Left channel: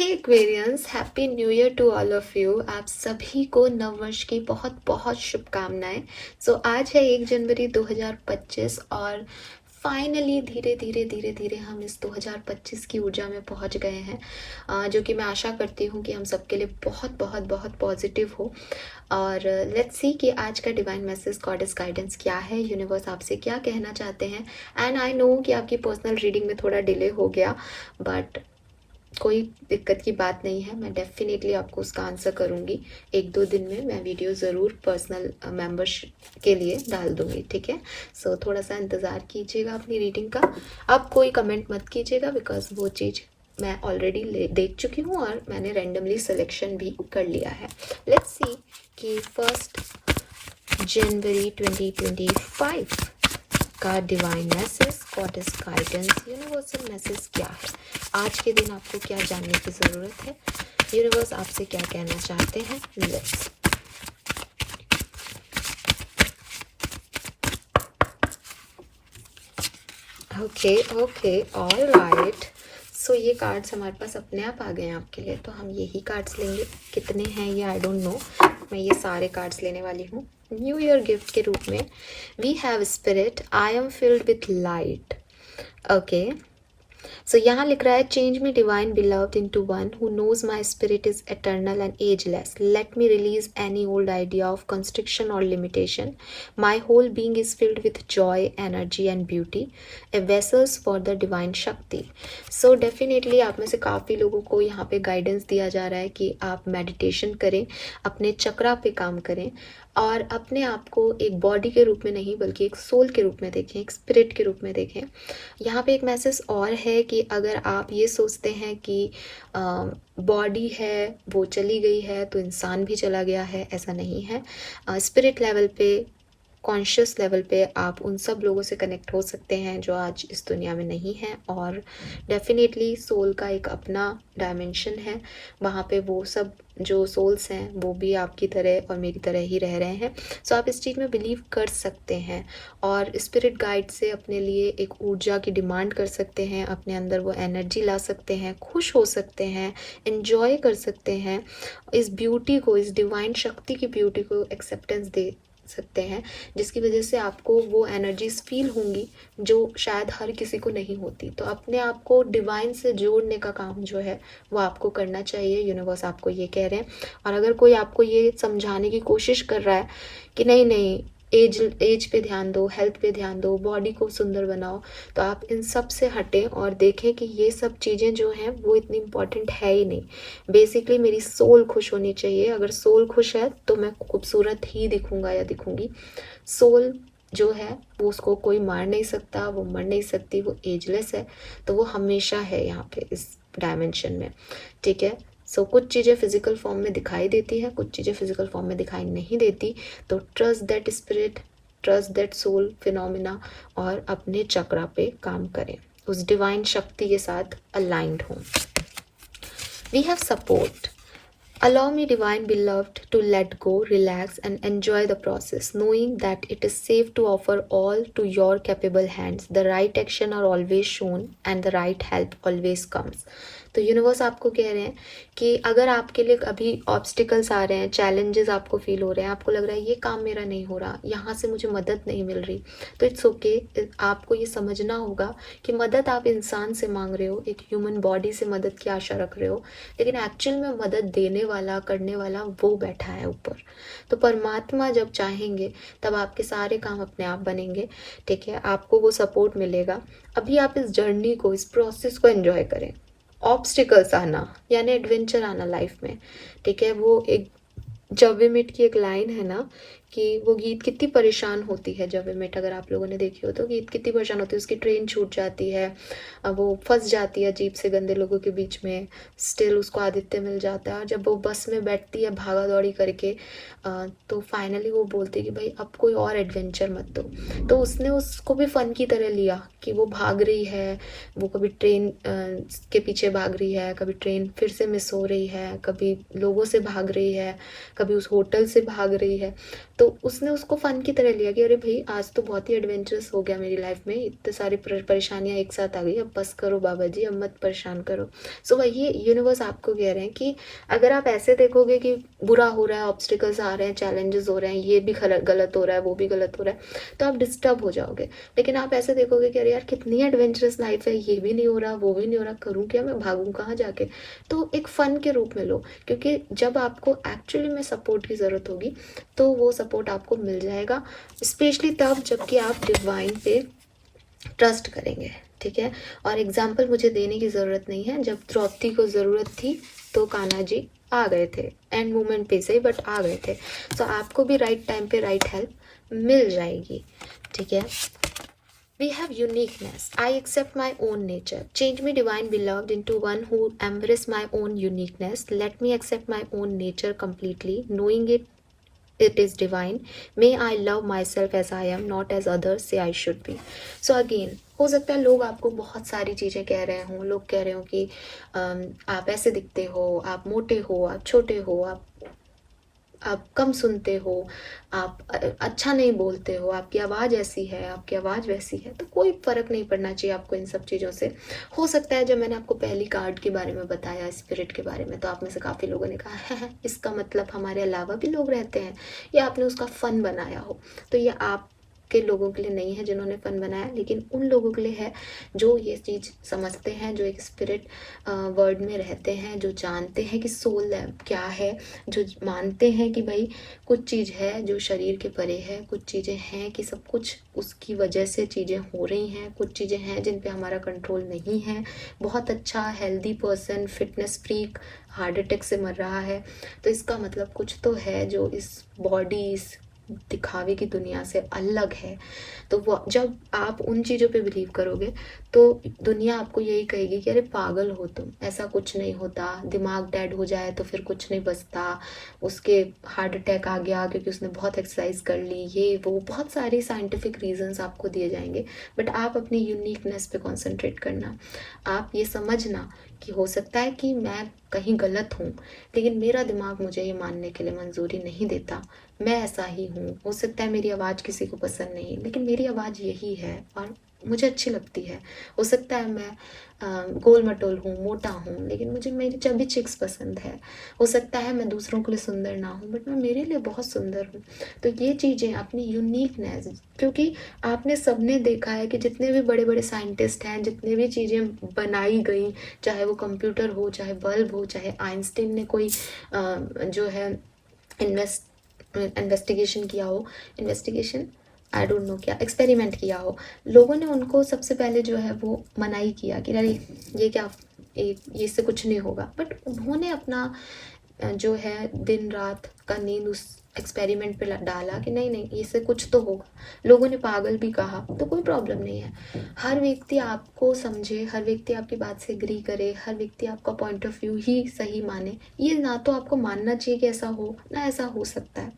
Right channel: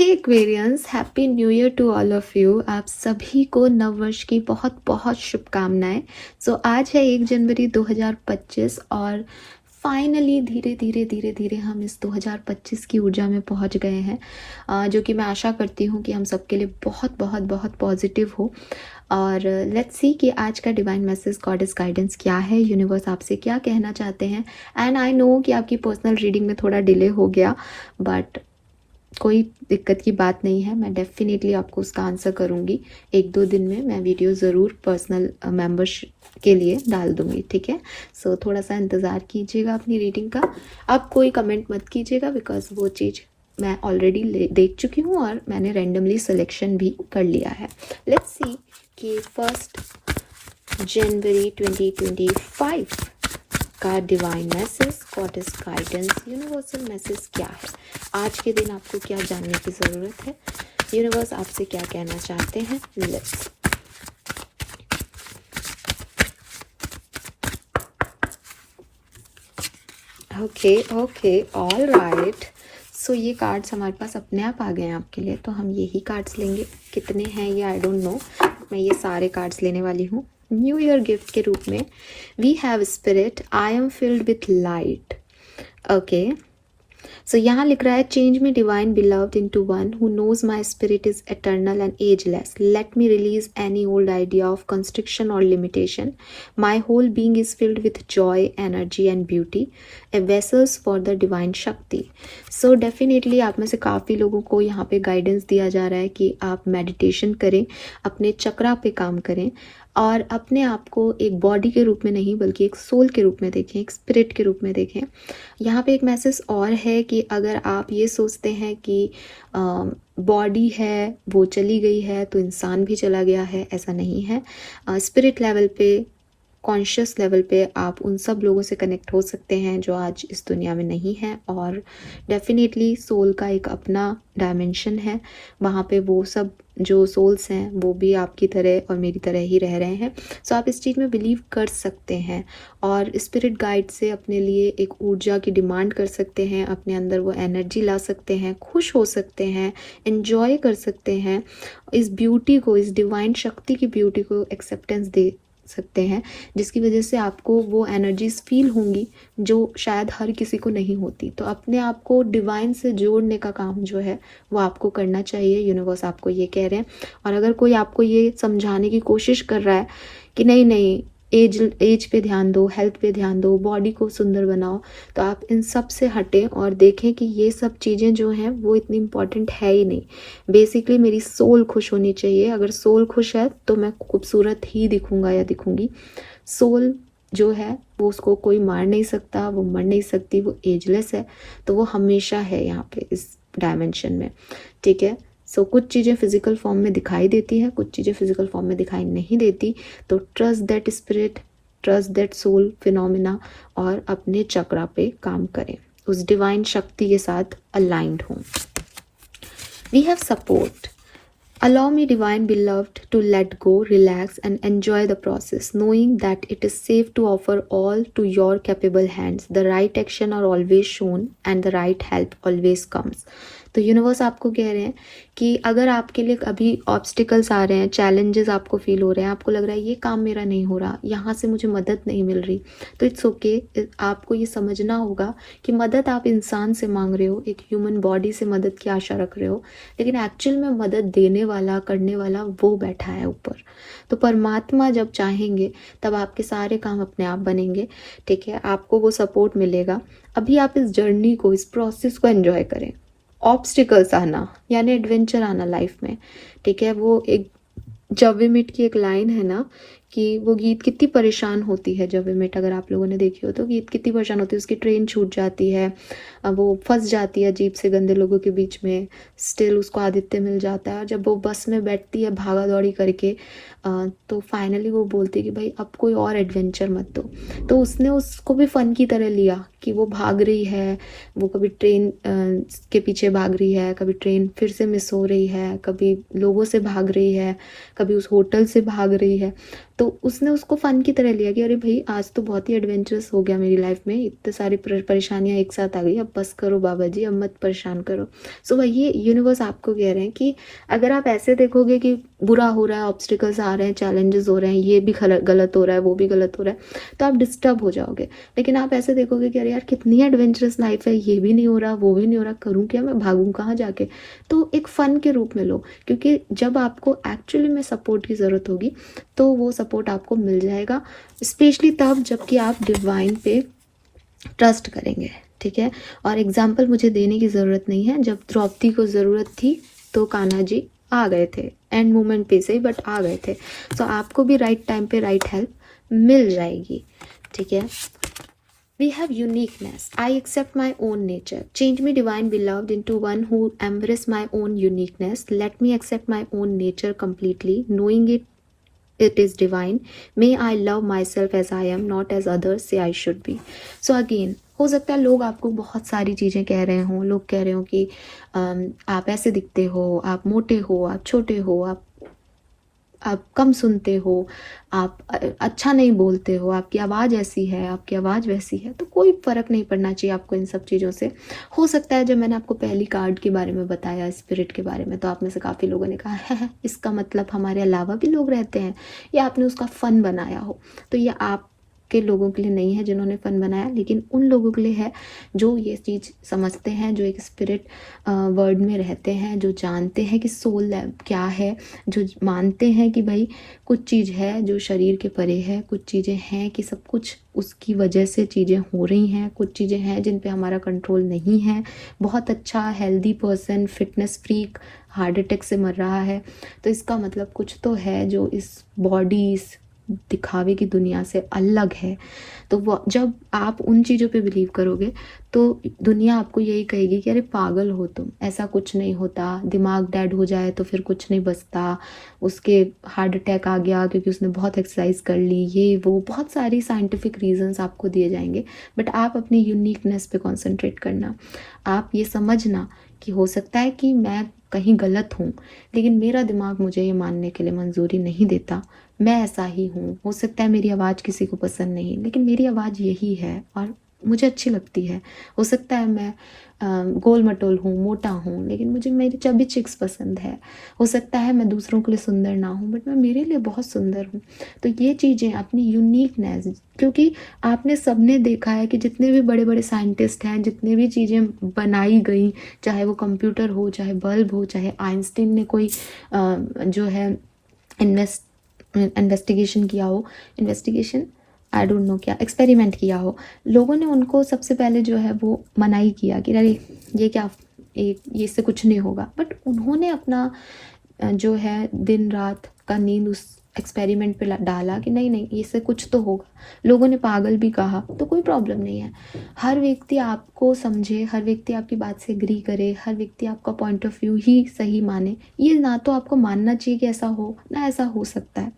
Hey Aquarians, happy new year to all of you. आप सभी को नववर्ष की बहुत बहुत शुभकामनाएं। आज है 1 जनवरी 2025 और फाइनली धीरे धीरे धीरे धीरे हम इस 2025 की ऊर्जा में पहुंच गए हैं, जो कि मैं आशा करती हूँ कि हम सबके लिए बहुत बहुत बहुत पॉजिटिव हो। और लेट्स सी कि आज का डिवाइन मैसेज, गॉडेस गाइडेंस क्या है, यूनिवर्स आपसे क्या कहना चाहते हैं। एंड आई नो कि आपकी पर्सनल रीडिंग में थोड़ा डिले हो गया, बट कोई दिक्कत की बात नहीं है। मैं डेफिनेटली आपको उसका आंसर करूँगी। 1-2 दिन में मैं वीडियो ज़रूर पर्सनल मेंबर्स के लिए डाल दूँगी, ठीक है। थोड़ा सा इंतज़ार कीजिएगा अपनी रीडिंग का। अब कोई कमेंट मत कीजिएगा, बिकॉज वो चीज़ मैं ऑलरेडी देख चुकी हूँ और मैंने रैंडमली सिलेक्शन भी कर लिया है। लेट्स सी कि 1 जनवरी 2025 का divine message, goddess guidance, universal message क्या है। आज के दिन आपको क्या जानने की ज़रूरत है, यूनिवर्स आपसे क्या कहना चाहते हैं। Let's okay all right. So ये कार्ड्स हमारे पास अपने आप आ गए हैं आपके लिए, तो हम यही कार्ड्स लेंगे। कितने हैं ये आई डोंट नो, मैं ये सारे कार्ड्स लेने वाली हूँ न्यू ईयर गिफ्ट के रूप में। We have spirit, I am filled with light. Okay, so यहाँ लिख रहा है, change me divine beloved into one who knows my spirit is eternal and ageless. Let me release any old idea of constriction और limitation. My whole being is filled with joy, energy and beauty, a vessels for the divine Shakti. So definitely आप में से काफ़ी लोगों को यहाँ पे guidance दिया जा रहा है कि आप मेडिटेशन करें, अपने चक्रा पे काम करें और अपने आप को एक बॉडी के रूप में नहीं बल्कि एक सोल के रूप में देखें, एक स्पिरिट के रूप में देखें। यहाँ पे एक मैसेज और है कि अगर आप ये सोचते हैं कि बॉडी है वो चली गई है तो इंसान भी चला गया है, ऐसा नहीं है। स्पिरिट लेवल पे, कॉन्शियस लेवल पे आप उन सब लोगों से कनेक्ट हो सकते हैं जो आज इस दुनिया में नहीं है। और डेफिनेटली सोल का एक अपना डायमेंशन है, वहाँ पे वो सब जो सोल्स हैं वो भी आपकी तरह और मेरी तरह ही रह रहे हैं। सो आप इस चीज़ में बिलीव कर सकते हैं और स्पिरिट गाइड से अपने लिए एक ऊर्जा की डिमांड कर सकते हैं, अपने अंदर वो एनर्जी ला सकते हैं, खुश हो सकते हैं, एंजॉय कर सकते हैं, इस ब्यूटी को, इस डिवाइन शक्ति की ब्यूटी को एक्सेप्टेंस दे सकते हैं, जिसकी वजह से आपको वो एनर्जीज फील होंगी जो शायद हर किसी को नहीं होती। तो अपने आप को डिवाइन से जोड़ने का काम जो है वो आपको करना चाहिए, यूनिवर्स आपको ये कह रहे हैं। और अगर कोई आपको ये समझाने की कोशिश कर रहा है कि नहीं नहीं, एज पे ध्यान दो, हेल्थ पे ध्यान दो, बॉडी को सुंदर बनाओ, तो आप इन सब से हटें और देखें कि ये सब चीज़ें जो हैं वो इतनी इम्पॉर्टेंट है ही नहीं। बेसिकली मेरी सोल खुश होनी चाहिए। अगर सोल खुश है तो मैं खूबसूरत ही दिखूंगा या दिखूंगी। सोल जो है वो, उसको कोई मार नहीं सकता, वो मर नहीं सकती, वो एजलेस है, तो वो हमेशा है यहाँ पे इस डायमेंशन में, ठीक है। कुछ चीज़ें फिजिकल फॉर्म में दिखाई देती हैं, कुछ चीज़ें फिजिकल फॉर्म में दिखाई नहीं देती। तो trust that spirit, trust that soul phenomena और अपने चक्रा पे काम करें, उस डिवाइन शक्ति के साथ अलाइंड हों। We have support. Allow me, divine beloved, to let go, relax, and enjoy the process, knowing that it is safe to offer all to your capable hands. The right action are always shown, and the right help always comes. तो universe आपको कह रहे हैं कि अगर आपके लिए अभी ऑब्स्टिकल्स आ रहे हैं, चैलेंजेस आपको फील हो रहे हैं, आपको लग रहा है ये काम मेरा नहीं हो रहा, यहाँ से मुझे मदद नहीं मिल रही, तो इट्स ओके। आपको ये समझना होगा कि मदद आप इंसान से मांग रहे हो, एक ह्यूमन बॉडी से मदद की आशा रख रहे हो, लेकिन एक्चुअल में मदद देने वाला, करने वाला वो बैठा है ऊपर। तो परमात्मा जब चाहेंगे तब आपके सारे काम अपने आप बनेंगे, ठीक है। आपको वो सपोर्ट मिलेगा। अभी आप इस जर्नी को, इस प्रोसेस को एंजॉय करें। ऑब्स्टिकल्स आना यानी एडवेंचर आना लाइफ में, ठीक है। वो एक जवेमिट की एक लाइन है ना कि वो गीत कितनी परेशान होती है, जवेमिट अगर आप लोगों ने देखी हो तो गीत कितनी परेशान होती है, उसकी ट्रेन छूट जाती है, वो फंस जाती है अजीब से गंदे लोगों के बीच में, स्टिल उसको आदित्य मिल जाता है। और जब वो बस में बैठती है भागा दौड़ी करके, तो फाइनली वो बोलती है कि भाई अब कोई और एडवेंचर मत दो। तो उसने उसको भी फन की तरह लिया कि वो भाग रही है, वो कभी ट्रेन के पीछे भाग रही है, कभी ट्रेन फिर से मिस हो रही है, कभी लोगों से भाग रही है, कभी उस होटल से भाग रही है। तो उसने उसको फ़न की तरह लिया कि अरे भाई आज तो बहुत ही एडवेंचरस हो गया मेरी लाइफ में, इतने सारे परेशानियाँ एक साथ आ गई, अब बस करो बाबा जी, अब मत परेशान करो। सो वही यूनिवर्स आपको कह रहे हैं कि अगर आप ऐसे देखोगे कि बुरा हो रहा है, ऑब्स्टिकल्स आ रहे हैं, चैलेंजेस हो रहे हैं, ये भी गलत हो रहा है, वो भी गलत हो रहा है, तो आप डिस्टर्ब हो जाओगे। लेकिन आप ऐसे देखोगे कि अरे यार कितनी एडवेंचरस लाइफ है, ये भी नहीं हो रहा, वो भी नहीं हो रहा, करूँ क्या, मैं भागूँ कहाँ जाके। तो एक फ़न के रूप में लो, क्योंकि जब आपको एक्चुअली में सपोर्ट की ज़रूरत होगी तो वो सपोर्ट आपको मिल जाएगा, स्पेशली तब जबकि आप डिवाइन पे ट्रस्ट करेंगे। ठीक है, और एग्जाम्पल मुझे देने की ज़रूरत नहीं है, जब द्रौपदी को ज़रूरत थी तो कान्हा जी आ गए थे, एंड मोमेंट पे से बट आ गए थे। सो आपको भी राइट टाइम पे राइट हेल्प मिल जाएगी। ठीक है, we have uniqueness. I accept my own nature. Change me, divine beloved, into one who embrace my own uniqueness. Let me accept my own nature completely, knowing it is divine. May I love myself as I am, not as others say I should be. So again, हो सकता है लोग आपको बहुत सारी चीज़ें कह रहे हों, लोग कह रहे हो कि आप ऐसे दिखते हो, आप मोटे हो, आप छोटे हो, आप कम सुनते हो, आप अच्छा नहीं बोलते हो, आपकी आवाज़ ऐसी है, आपकी आवाज़ वैसी है। तो कोई फ़र्क नहीं पड़ना चाहिए आपको इन सब चीज़ों से। हो सकता है जब मैंने आपको पहली कार्ड के बारे में बताया, स्पिरिट के बारे में, तो आप में से काफ़ी लोगों ने कहा है इसका मतलब हमारे अलावा भी लोग रहते हैं, या आपने उसका फ़न बनाया हो। तो ये आप के लोगों के लिए नहीं है जिन्होंने फ़न बनाया, लेकिन उन लोगों के लिए है जो ये चीज़ समझते हैं, जो एक स्पिरिट वर्ड में रहते हैं, जो जानते हैं कि सोल क्या है, जो मानते हैं कि भाई कुछ चीज़ है जो शरीर के परे है, कुछ चीज़ें हैं कि सब कुछ उसकी वजह से चीज़ें हो रही हैं, कुछ चीज़ें हैं जिन पे हमारा कंट्रोल नहीं है। बहुत अच्छा healthy person, fitness freak heart attack से मर रहा है, तो इसका मतलब कुछ तो है जो इस बॉडी, इस दिखावे की दुनिया से अलग है। तो वो जब आप उन चीज़ों पे बिलीव करोगे तो दुनिया आपको यही कहेगी कि अरे पागल हो तुम, ऐसा कुछ नहीं होता, दिमाग डेड हो जाए तो फिर कुछ नहीं बचता, उसके हार्ट अटैक आ गया क्योंकि उसने बहुत एक्सरसाइज कर ली, ये वो बहुत सारी साइंटिफिक रीजंस आपको दिए जाएंगे। बट आप अपनी यूनिकनेस पे कंसंट्रेट करना, आप ये समझना कि हो सकता है कि मैं कहीं गलत हूँ, लेकिन मेरा दिमाग मुझे ये मानने के लिए मंजूरी नहीं देता, मैं ऐसा ही हूँ। हो सकता है मेरी आवाज़ किसी को पसंद नहीं, लेकिन मेरी आवाज़ यही है और मुझे अच्छी लगती है। हो सकता है मैं गोल मटोल हूँ, मोटा हूँ, लेकिन मुझे मेरी चबी चिक्स पसंद है। हो सकता है मैं दूसरों के लिए सुंदर ना हूँ, बट मैं मेरे लिए बहुत सुंदर हूँ। तो ये चीज़ें अपनी यूनिकनेस, क्योंकि आपने सबने देखा है कि जितने भी बड़े बड़े साइंटिस्ट हैं, जितने भी चीज़ें बनाई गई, चाहे वो कंप्यूटर हो, चाहे बल्ब हो, चाहे आइंस्टीन ने कोई जो है इन्वेस्टिगेशन किया हो, इन्वेस्टिगेशन आई डोंट नो क्या, एक्सपेरिमेंट किया हो, लोगों ने उनको सबसे पहले जो है वो मनाही किया कि अरे ये क्या, ये इससे कुछ नहीं होगा। बट उन्होंने अपना जो है दिन रात का नींद उस एक्सपेरिमेंट पे डाला कि नहीं नहीं इससे कुछ तो होगा। लोगों ने पागल भी कहा तो कोई प्रॉब्लम नहीं है। हर व्यक्ति आपको समझे, हर व्यक्ति आपकी बात से एग्री करे, हर व्यक्ति आपका पॉइंट ऑफ व्यू ही सही माने, ये ना तो आपको मानना चाहिए कि ऐसा हो, ना ऐसा हो सकता है।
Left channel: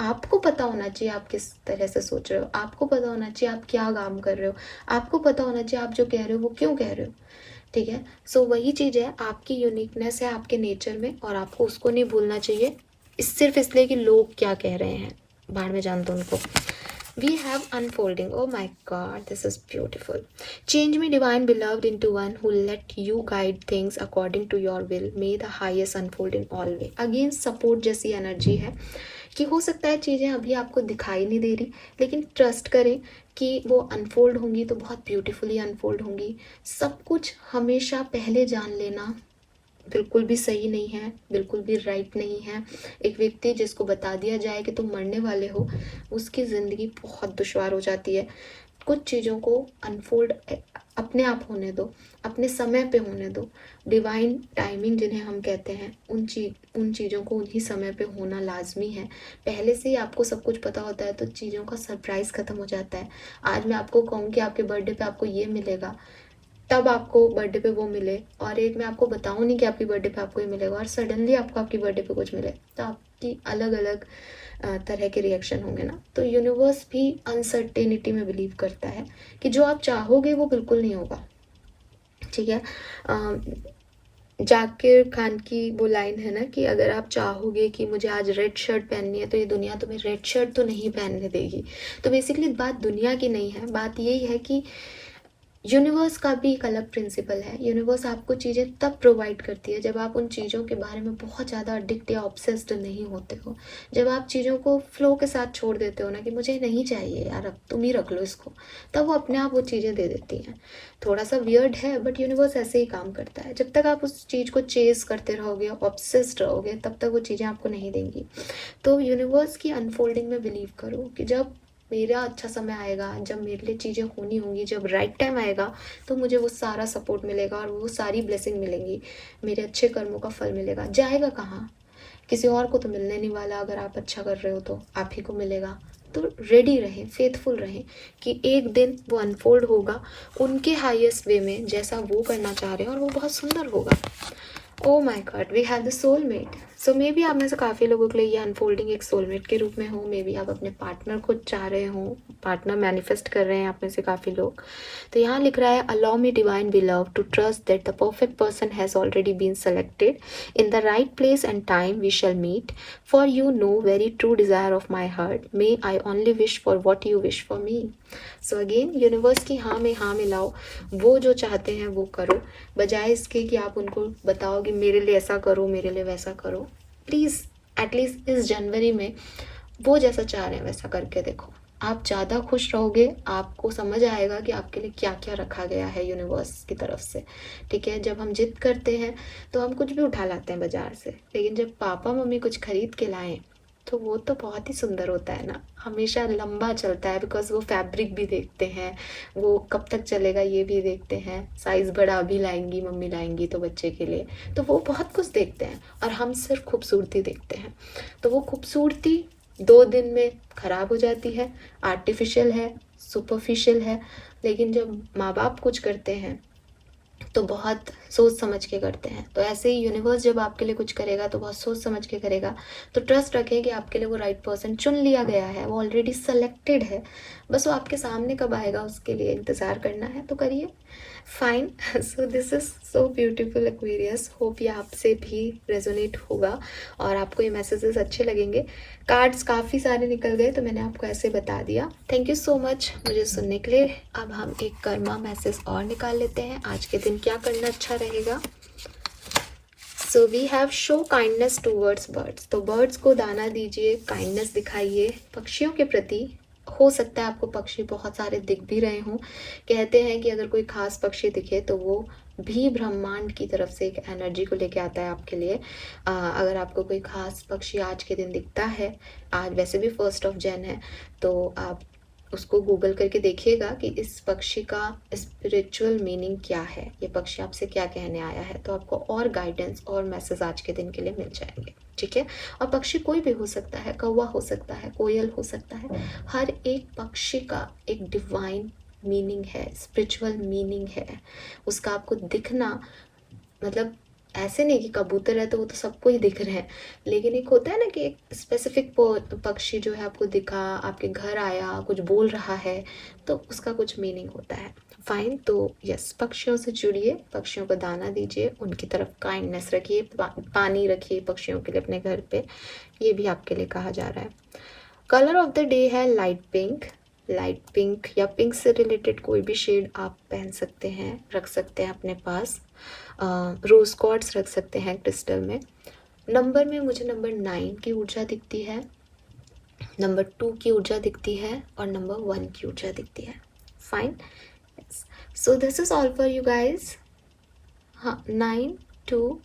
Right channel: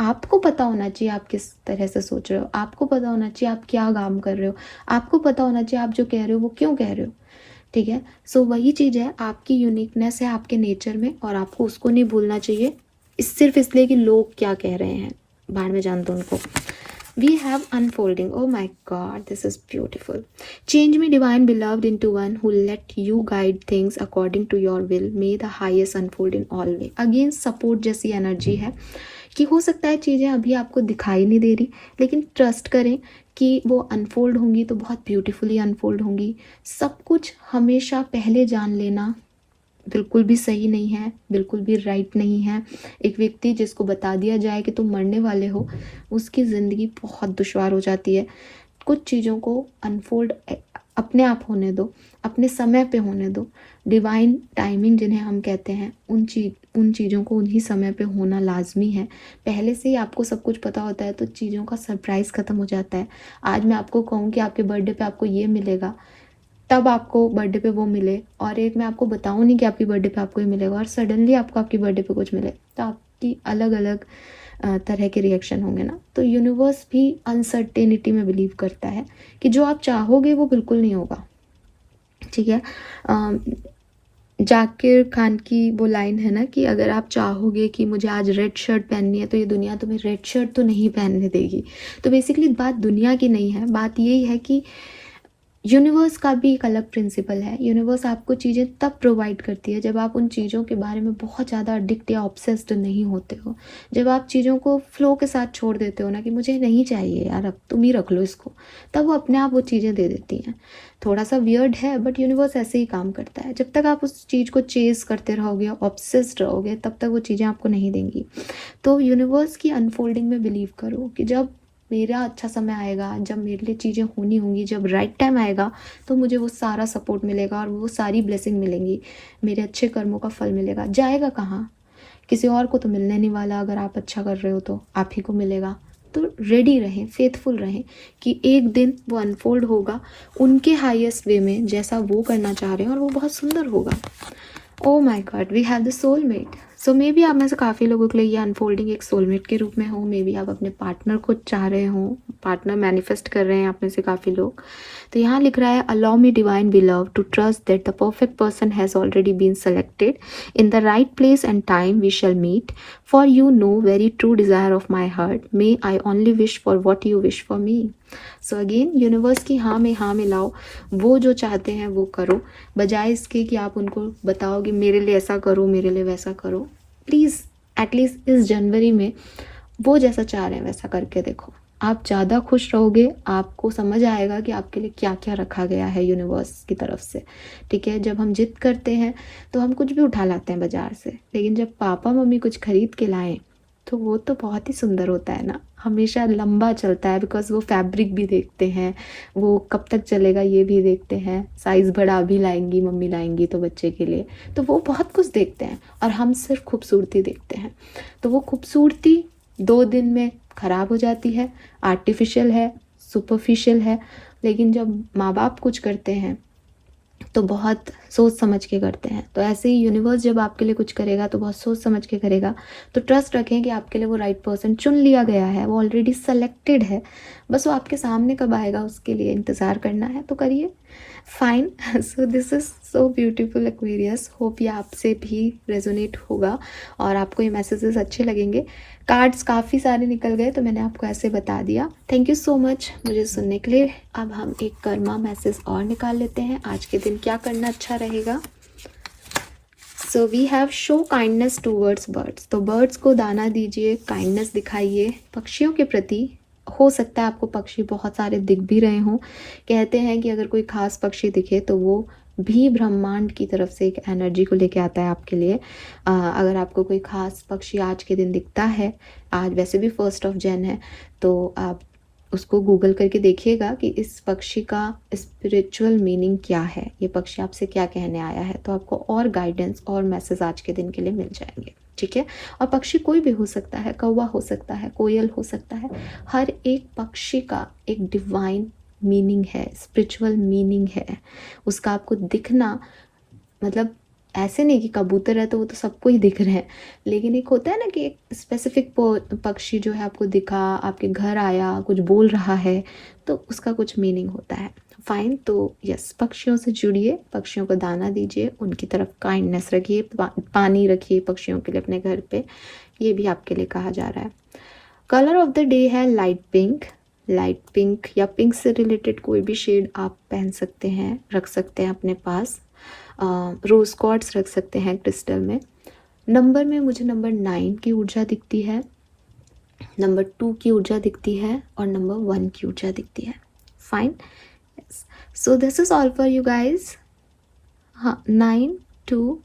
आपको पता होना चाहिए आप किस तरह से सोच रहे हो, आपको पता होना चाहिए आप क्या काम कर रहे हो, आपको पता होना चाहिए आप जो कह रहे हो वो क्यों कह रहे हो। ठीक है, सो वही चीज़ है, आपकी यूनिकनेस है आपके नेचर में, और आपको उसको नहीं भूलना चाहिए सिर्फ इसलिए कि लोग क्या कह रहे हैं, भाड़ में जान दो उनको। We have unfolding. Oh my God, this is beautiful. Change me, divine beloved, into one who let you guide things according to your will. May the highest unfold in all way. Again, support जैसी energy है कि हो सकता है चीज़ें अभी आपको दिखाई नहीं दे रही, लेकिन ट्रस्ट करें कि वो अनफोल्ड होंगी तो बहुत ब्यूटीफुली अनफोल्ड होंगी। सब कुछ हमेशा पहले जान लेना बिल्कुल भी सही नहीं है, बिल्कुल भी राइट नहीं है। एक व्यक्ति जिसको बता दिया जाए कि तुम मरने वाले हो, उसकी ज़िंदगी बहुत दुश्वार हो जाती है। कुछ चीज़ों को अनफोल्ड अपने आप होने दो, अपने समय पे होने दो। डिवाइन टाइमिंग जिन्हें हम कहते हैं, उन चीज़ों को उन्हीं समय पे होना लाजमी है। पहले से ही आपको सब कुछ पता होता है तो चीज़ों का सरप्राइज़ ख़त्म हो जाता है। आज मैं आपको कहूँ कि आपके बर्थडे पे आपको ये मिलेगा, तब आपको बर्थडे पे वो मिले, और एक मैं आपको बताऊँ नहीं कि आपकी बर्थडे पे आपको ये मिलेगा और सडनली आपको आपकी बर्थडे पे कुछ मिले, तो आपकी अलग अलग तरह के रिएक्शन होंगे ना। तो यूनिवर्स भी अनसर्टेनिटी में बिलीव करता है कि जो आप चाहोगे वो बिल्कुल नहीं होगा। ठीक है, जाकिर खान की वो लाइन है ना कि अगर आप चाहोगे कि मुझे आज रेड शर्ट पहननी है तो ये दुनिया तुम्हें रेड शर्ट तो नहीं पहनने देगी। तो बेसिकली बात दुनिया की नहीं है, बात यही है कि यूनिवर्स का भी एक अलग प्रिंसिपल है। यूनिवर्स आपको चीज़ें तब प्रोवाइड करती है जब आप उन चीज़ों के बारे में बहुत ज़्यादा एडिक्ट या ऑब्सेस्ड नहीं होते हो। जब आप चीज़ों को फ्लो के साथ छोड़ देते हो ना कि मुझे नहीं चाहिए यार, अब तुम ही रख लो इसको, तब वो अपने आप वो चीज़ें दे देती हैं। थोड़ा सा वियर्ड है बट यूनिवर्स ऐसे ही काम करता है। जब तक आप उस चीज़ को चेस करते रहोगे, ऑब्सेस्ड रहोगे, तब तक वो चीज़ें आपको नहीं देंगी। तो यूनिवर्स की अनफोल्डिंग में बिलीव करो कि जब मेरा अच्छा समय आएगा, जब मेरे लिए चीज़ें होनी होंगी, जब राइट टाइम आएगा, तो मुझे वो सारा सपोर्ट मिलेगा और वो सारी ब्लेसिंग मिलेंगी, मेरे अच्छे कर्मों का फल मिलेगा। जाएगा कहाँ? किसी और को तो मिलने नहीं वाला। अगर आप अच्छा कर रहे हो तो आप ही को मिलेगा। तो रेडी रहें, फेथफुल रहें कि एक दिन वो अनफोल्ड होगा उनके हाईएस्ट वे में, जैसा वो करना चाह रहे हैं, और वो बहुत सुंदर होगा। Oh my god, we have the soulmate. So maybe आप में से काफ़ी लोगों के लिए ये अनफोल्डिंग एक सोलमेट के रूप में हो। मे बी आप अपने पार्टनर को चाह रहे हो, पार्टनर मैनिफेस्ट कर रहे हैं आप में से काफ़ी लोग। तो यहाँ लिख रहा है, allow me divine beloved to trust that the perfect person has already been selected in the right place and time we shall meet, for you know very true desire of my heart, may I only wish for what you wish for me. So again universe की हाँ में लाओ, वो जो चाहते हैं वो करो, बजाय इसके कि आप उनको बताओ कि मेरे लिए ऐसा करो, मेरे लिए वैसा करो। प्लीज़ एटलीस्ट इस जनवरी में वो जैसा चाह रहे हैं वैसा करके देखो। आप ज़्यादा खुश रहोगे, आपको समझ आएगा कि आपके लिए क्या क्या रखा गया है यूनिवर्स की तरफ से। ठीक है, जब हम जिद करते हैं तो हम कुछ भी उठा लाते हैं बाजार से, लेकिन जब पापा मम्मी कुछ खरीद के लाएं तो वो तो बहुत ही सुंदर होता है ना, हमेशा लंबा चलता है, बिकॉज वो फैब्रिक भी देखते हैं, वो कब तक चलेगा ये भी देखते हैं, साइज़ बड़ा भी लाएंगी मम्मी, लाएंगी तो बच्चे के लिए, तो वो बहुत कुछ देखते हैं और हम सिर्फ खूबसूरती देखते हैं। तो वो खूबसूरती 2 दिन में ख़राब हो जाती है, आर्टिफिशियल है, सुपरफिशियल है। लेकिन जब माँ बाप कुछ करते हैं तो बहुत सोच समझ के करते हैं। तो ऐसे ही यूनिवर्स जब आपके लिए कुछ करेगा तो बहुत सोच समझ के करेगा। तो ट्रस्ट रखें कि आपके लिए वो राइट पर्सन चुन लिया गया है, वो ऑलरेडी सेलेक्टेड है। बस वो आपके सामने कब आएगा उसके लिए इंतज़ार करना है, तो करिए। Fine. So this is so beautiful Aquarius. Hope ये आपसे भी रेजोनेट होगा और आपको ये मैसेजेस अच्छे लगेंगे। कार्ड्स काफ़ी सारे निकल गए तो मैंने आपको ऐसे बता दिया। थैंक यू सो मच मुझे सुनने के लिए। अब हम एक कर्मा मैसेज और निकाल लेते हैं, आज के दिन क्या करना अच्छा रहेगा। So we have show kindness towards birds. तो बर्ड्स को दाना दीजिए, काइंडनेस दिखाइए पक्षियों के प्रति। हो सकता है आपको पक्षी बहुत सारे दिख भी रहे हों। कहते हैं कि अगर कोई खास पक्षी दिखे तो वो भी ब्रह्मांड की तरफ से एक एनर्जी को लेके आता है आपके लिए। अगर आपको कोई खास पक्षी आज के दिन दिखता है, आज वैसे भी 1 जनवरी है, तो आप उसको गूगल करके देखिएगा कि इस पक्षी का स्पिरिचुअल मीनिंग क्या है, ये पक्षी आपसे क्या कहने आया है। तो आपको और गाइडेंस और मैसेज आज के दिन के लिए मिल जाएंगे। ठीक है, और पक्षी कोई भी हो सकता है, कौवा हो सकता है, कोयल हो सकता है। हर एक पक्षी का एक डिवाइन मीनिंग है, स्पिरिचुअल मीनिंग है। उसका आपको दिखना, मतलब ऐसे नहीं कि कबूतर है तो वो तो सबको ही दिख रहे हैं, लेकिन एक होता है ना कि एक स्पेसिफिक पक्षी जो है आपको दिखा, आपके घर आया, कुछ बोल रहा है, तो उसका कुछ मीनिंग होता है। फाइन, तो यस, पक्षियों से जुड़िए, पक्षियों को दाना दीजिए, उनकी तरफ काइंडनेस रखिए, पानी रखिए पक्षियों के लिए अपने घर पे, ये भी आपके लिए कहा जा रहा है। कलर ऑफ द डे है लाइट पिंक। लाइट पिंक या पिंक से रिलेटेड कोई भी शेड आप पहन सकते हैं, रख सकते हैं अपने पास। रोज क्वार्ट्स रख सकते हैं क्रिस्टल में। नंबर में मुझे नंबर 9 की ऊर्जा दिखती है, नंबर 2 की ऊर्जा दिखती है और नंबर 1 की ऊर्जा दिखती है। Fine, so this is all for you guys. हाँ, 9 2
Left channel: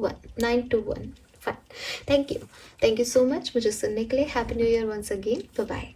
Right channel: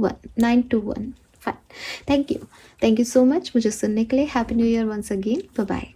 1। Fine, thank you so much मुझे सुनने के लिए। Happy new year once again, bye bye.